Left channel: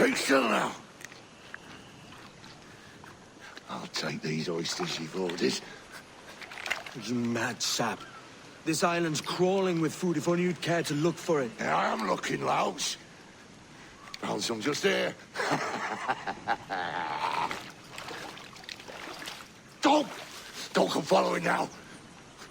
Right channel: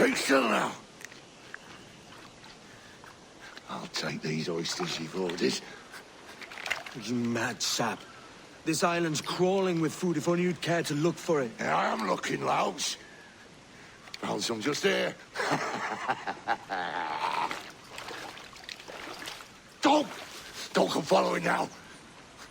Keep still now. I'll take these oysters you've ordered. You mad sap. This island's crawling with food if only you'd care to look for it. Yeah, I am looking, Louts. Found some just here. Don't come following now.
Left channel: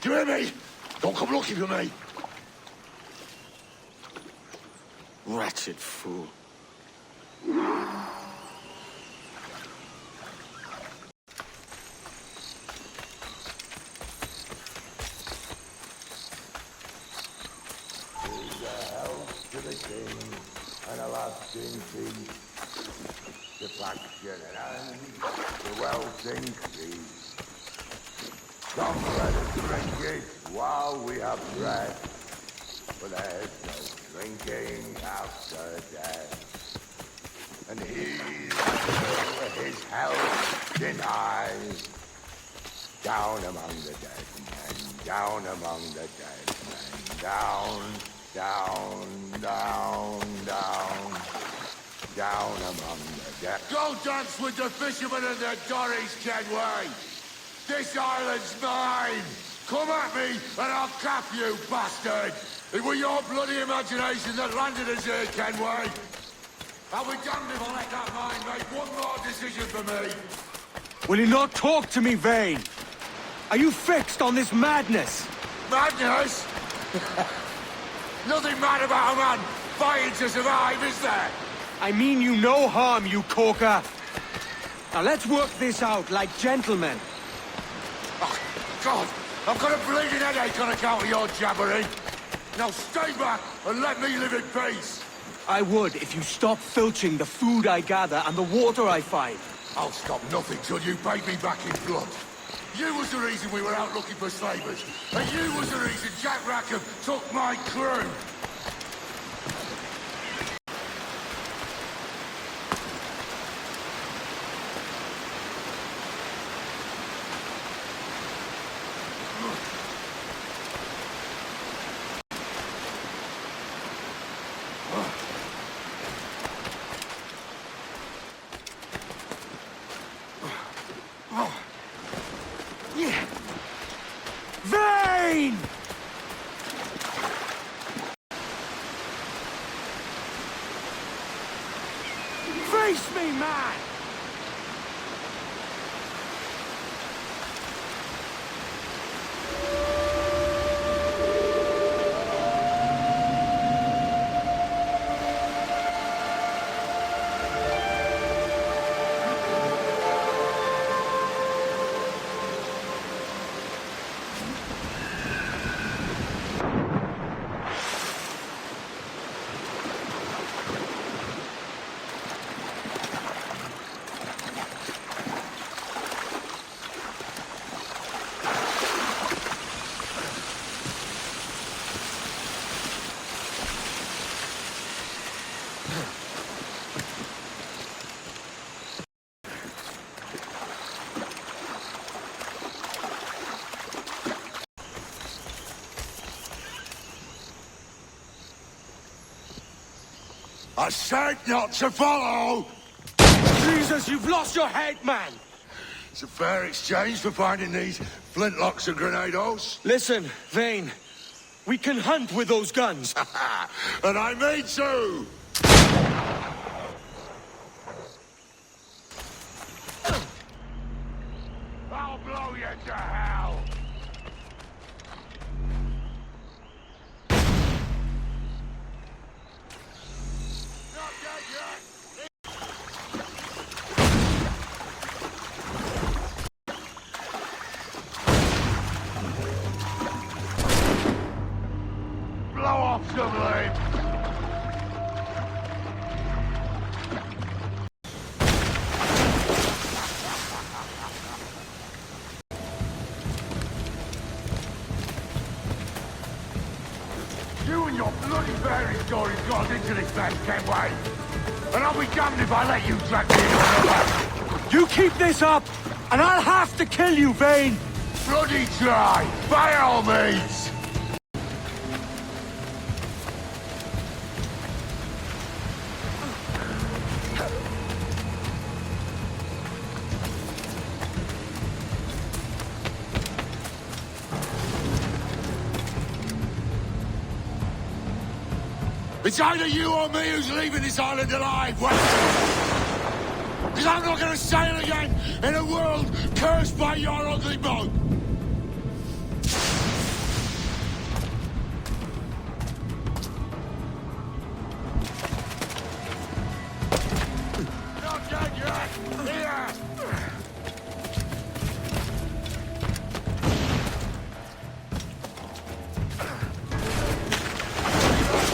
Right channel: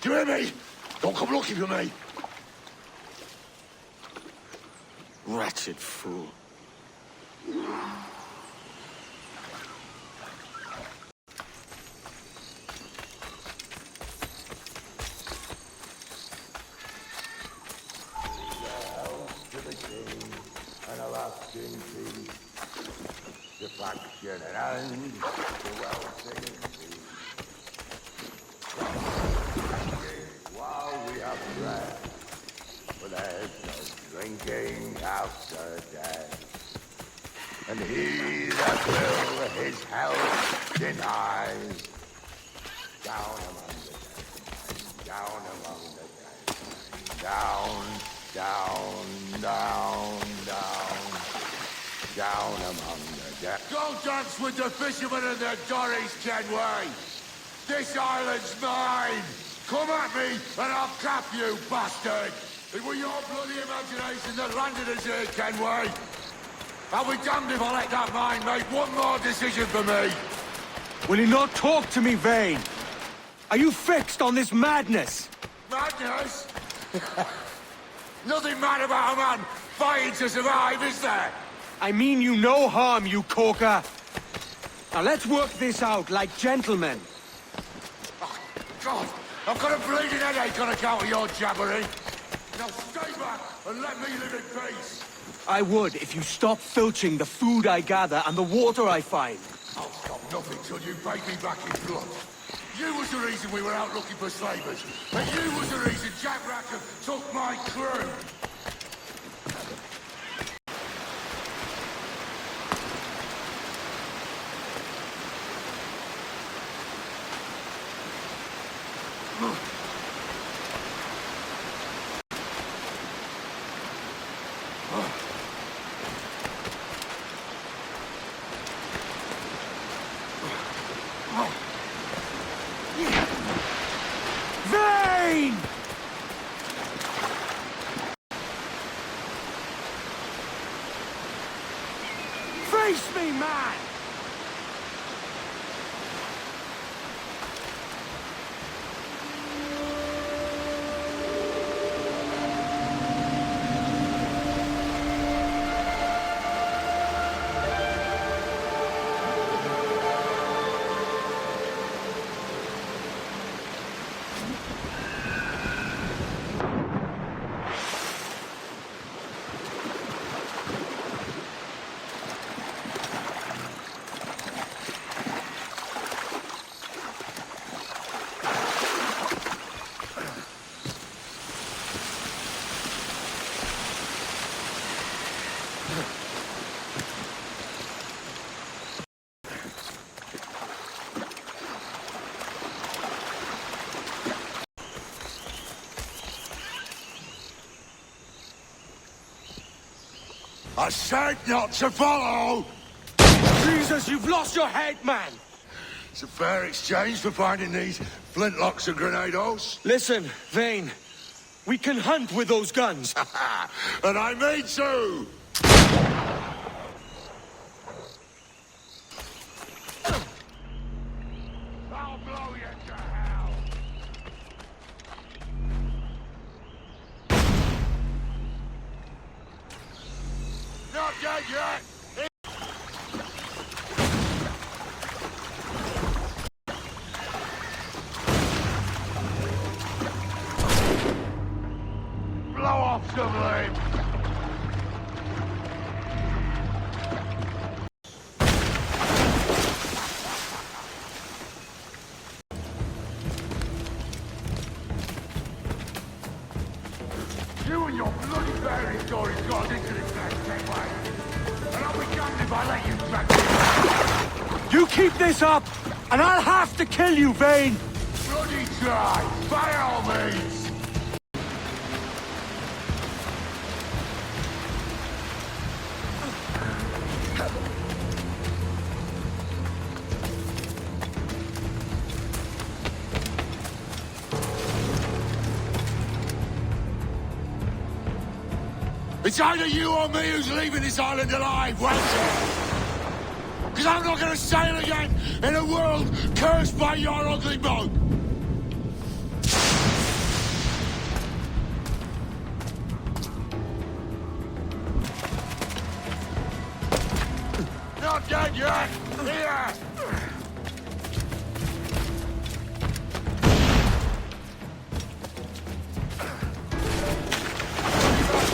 Do you hear me? Don't come looking for me. Wretched fool. To the king, and a lasting peace, the faction and the wealth increase. Come let us drink it while we have breath, for there's no drinking after death. And he that will his health denies, down among the dead men, down among the dead men, down among the dead. Go dance with the fishermen and the dories, Kenway! This island's mine! Come at me, and I'll cap you, bastard! It was your bloody imagination that landed us here, Kenway! I'll be damned if I let that mind make one more decision for me! Will you not talk to me, Vane? Are you fixed on this madness? Madness? Nothing mad about a man fighting to survive, is there? I mean you no harm, you corker. Now let's work this out like gentlemen. Oh, God, I've got a bleeding headache on account of your jabbering. Now stay back and let me live in peace. I would if you stop filching the food I gather and the water I find. I'll stop nothing till you pay me back in blood. You was the reason we were out looking for slaves. Jack Rackham took my crew. Vane! Face me, man! I said not to follow! Jesus, you've lost your head, man! It's a fair exchange for finding these flintlocks and grenados. Listen, Vane, we can hunt with those guns. And I mean to! I'll blow you to hell! Not dead yet! Blow off some limbs! You and your bloody fairy stories got us into this mess, Kenway. And I'll be damned if I let you drag me in. You keep this up, and I'll have to kill you, Vane! Bloody try, by all means! It's either you or me who's leaving this island alive, Welcher! Because I'm not gonna sail again in a world cursed by your ugly mug! Not dead yet! Here!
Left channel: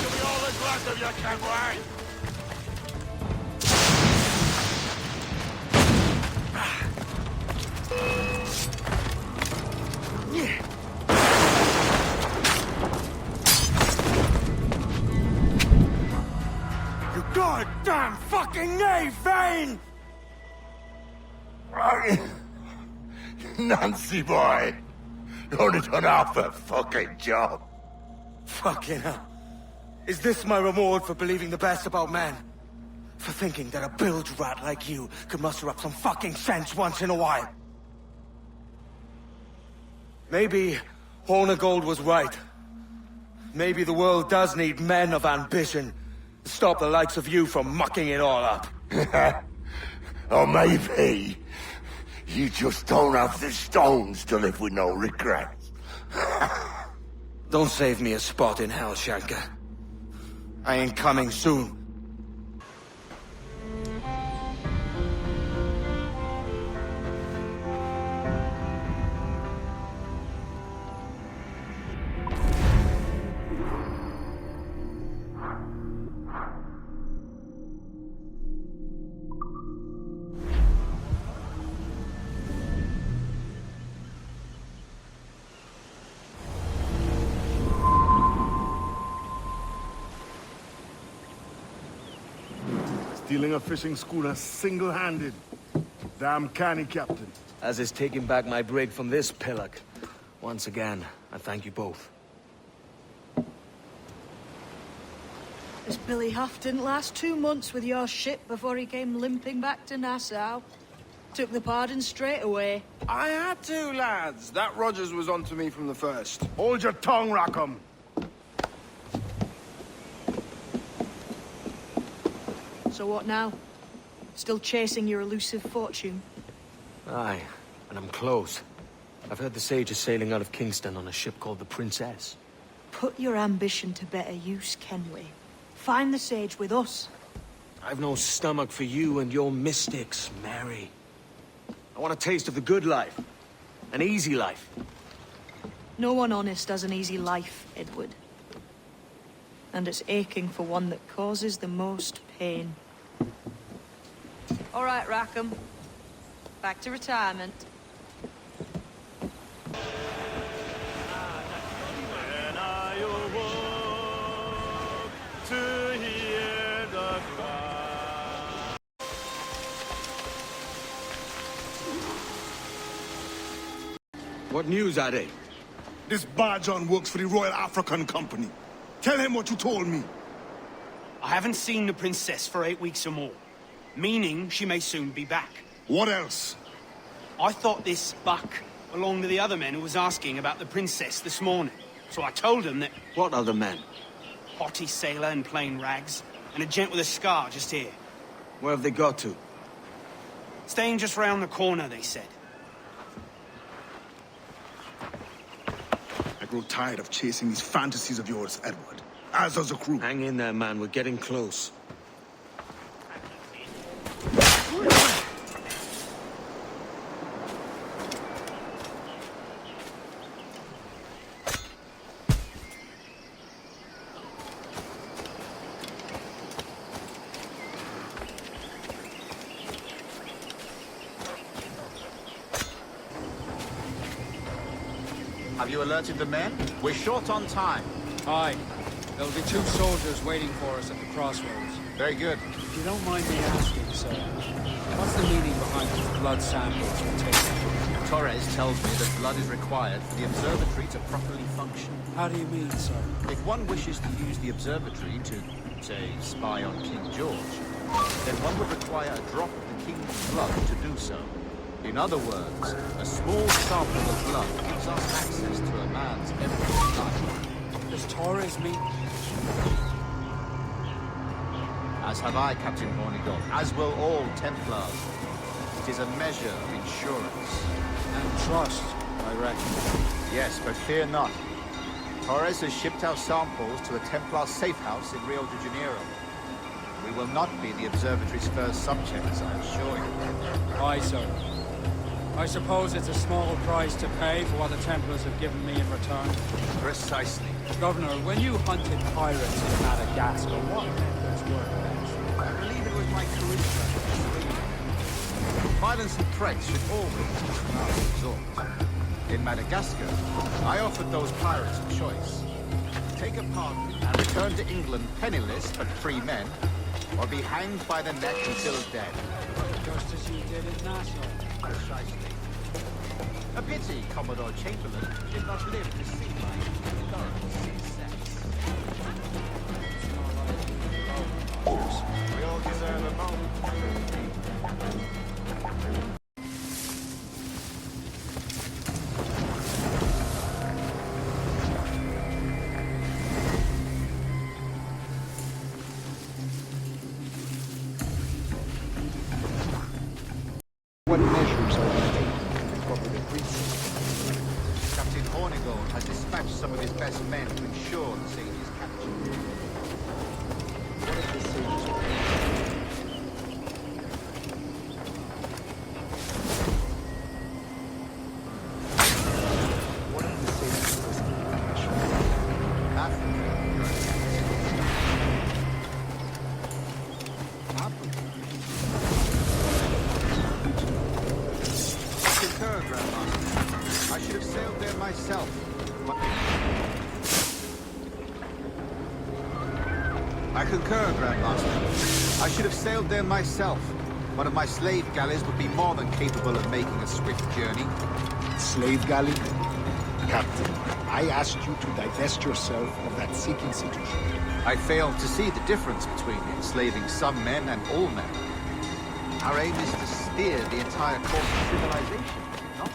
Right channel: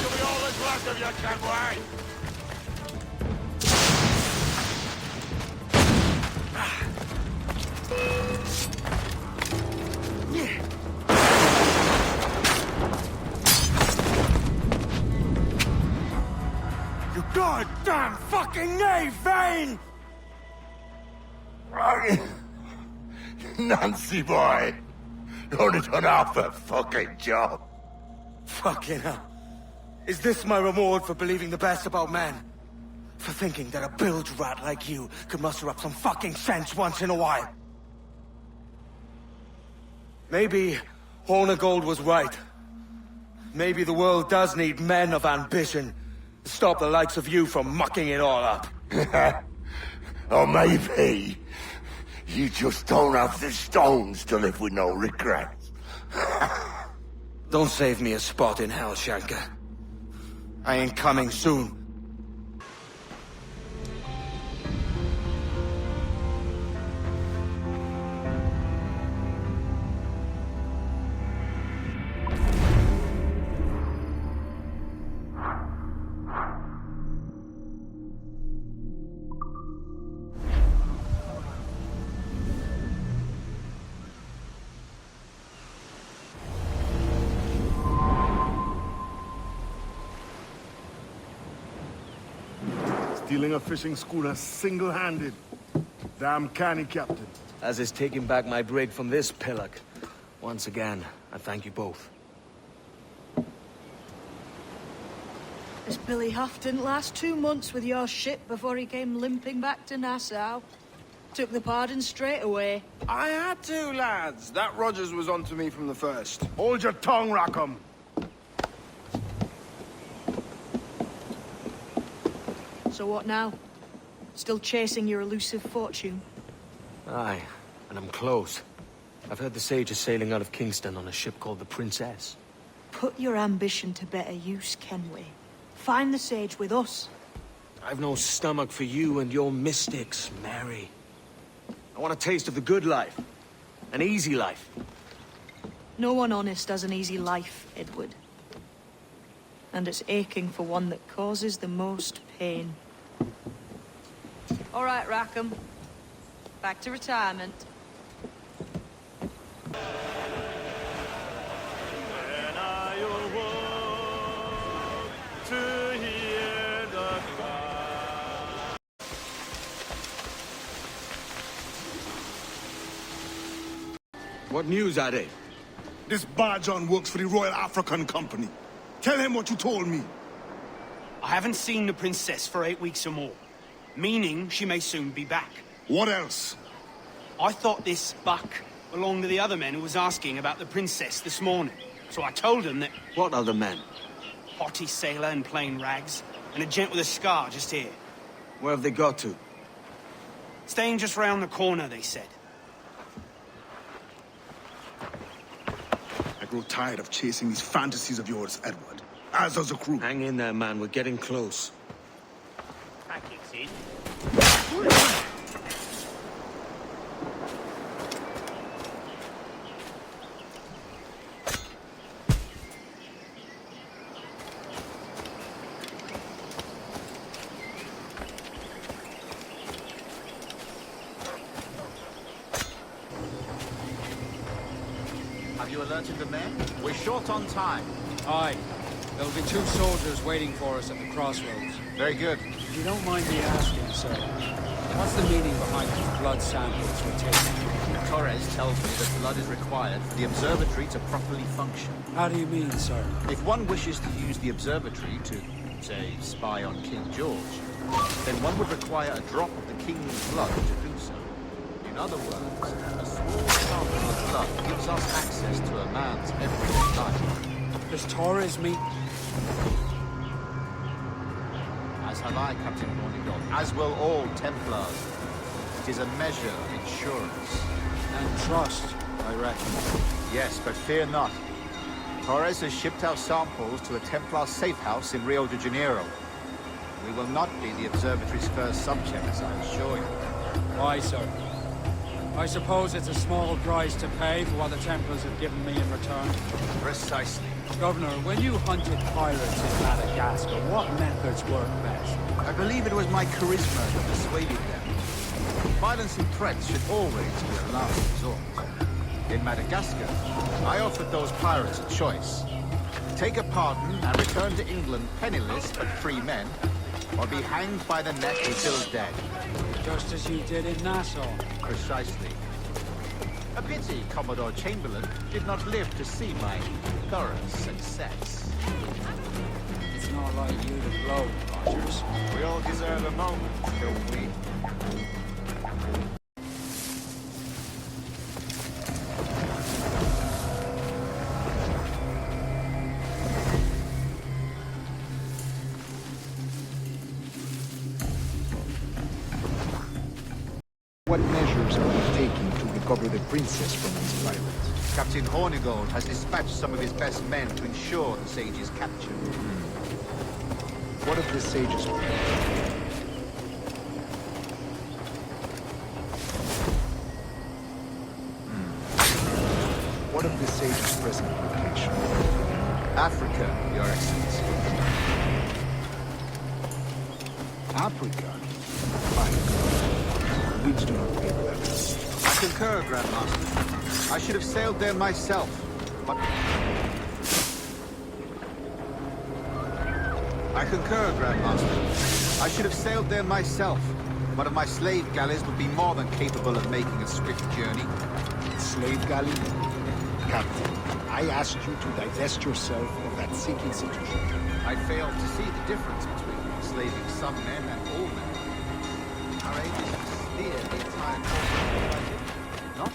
You'll be all that's left of you, Kenway! You goddamn fucking knave, Vane! Nancy boy! You only done half the fucking job. Fucking hell. Is this my reward for believing the best about men? For thinking that a bilge rat like you could muster up some fucking sense once in a while? Maybe Horn of Gold was right. Maybe the world does need men of ambition to stop the likes of you from mucking it all up. Or maybe you just don't have the stones to live with no regrets. Don't save me a spot in hell, Shanka. I ain't coming soon. Stealing a fishing schooner single-handed. Damn canny, Captain. As is taking back my brig from this pillock. Once again, I thank you both. This Billy Huff didn't last 2 months with your ship before he came limping back to Nassau. Took the pardon straight away. I had to, lads. That Rogers was onto me from the first. Hold your tongue, Rackham. So what now? Still chasing your elusive fortune? Aye, and I'm close. I've heard the Sage is sailing out of Kingston on a ship called the Princess. Put your ambition to better use, Kenway. Find the Sage with us. I've no stomach for you and your mystics, Mary. I want a taste of the good life. An easy life. No one honest has an easy life, Edward. And it's aching for one that causes the most pain. All right, Rackham. Back to retirement. What news, Ade? This Barjon works for the Royal African Company. Tell him what you told me. I haven't seen the princess for 8 weeks or more, meaning she may soon be back. What else? I thought this buck belonged to the other men who was asking about the princess this morning. So I told him that... What other men? Haughty sailor in plain rags, and a gent with a scar just here. Where have they got to? Staying just round the corner, they said. I grow tired of chasing these fantasies of yours, Edward. As does the crew. Hang in there, man. We're getting close. Have you alerted the men? We're short on time. Aye. There'll be 2 soldiers waiting for us at the crossroads. Very good. If you don't mind me asking, sir, what's the meaning behind the blood samples we're taking? Torres tells me that blood is required for the observatory to properly function. How do you mean, sir? If one wishes to use the observatory to, say, spy on King George, then one would require a drop of the king's blood to do so. In other words, a small sample of blood gives us access to a man's everyday life. Does Torres mean... As have I, Captain Hornigold, as will all Templars. It is a measure of insurance. And trust, I reckon. Yes, but fear not. Torres has shipped our samples to a Templar safe house in Rio de Janeiro. We will not be the Observatory's first subjects, I assure you. Aye, sir. I suppose it's a small price to pay for what the Templars have given me in return. Precisely. Governor, when you hunted pirates in Madagascar, what methods were I believe it was my charisma that persuaded them. Violence and threats should always be a last resort. In Madagascar, I offered those pirates a choice. Take a pardon and return to England penniless but free men, or be hanged by the neck until dead. just as you did in Nassau? Precisely. A pity Commodore Chamberlain did not live to see my thorough success. It's not like you to blow. What measures are we taking to recover the princess from the island? Captain Hornigold has dispatched some of his best men to ensure the sage's capture. What of the sage's location? What of the sage's present location? Africa, Your Excellency. Africa? Which do not pay well. Concur, Grandmaster. I should have sailed there myself, but... I concur, Grandmaster. I should have sailed there myself. One of my slave galleys would be more than capable of making a swift journey. Slave galley? Captain, I asked you to divest yourself of that sick institution. I failed to see the difference between enslaving some men and all men. Our aim is to steer the entire course of civilization, is it not?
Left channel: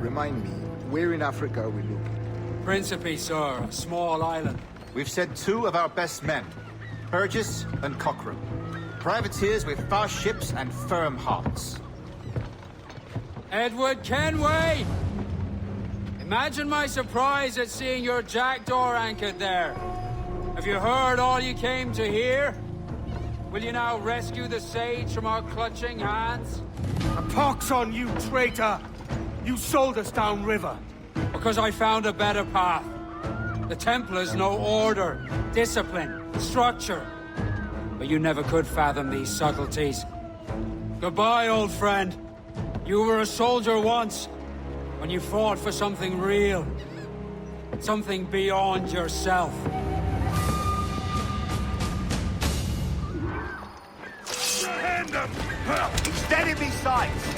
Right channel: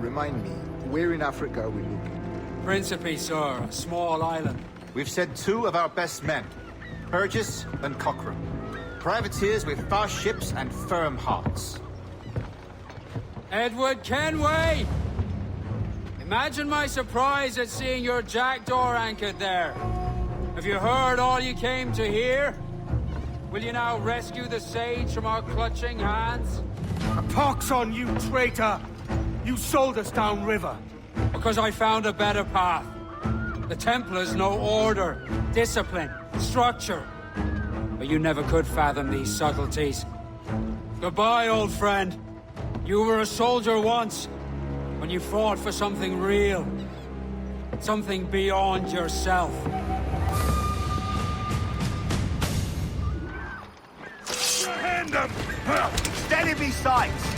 Remind me, where in Africa are we looking? Principe, sir, a small island. We've sent two of our best men, Burgess and Cochrane. Privateers with fast ships and firm hearts. Edward Kenway! Imagine my surprise at seeing your jackdaw anchored there. Have you heard all you came to hear? Will you now rescue the sage from our clutching hands? A pox on you, traitor! You sold us downriver. Because I found a better path. The Templars know order, discipline, structure. But you never could fathom these subtleties. Goodbye, old friend. You were a soldier once, when you fought for something real. Something beyond yourself. Hand them! Enemy sight!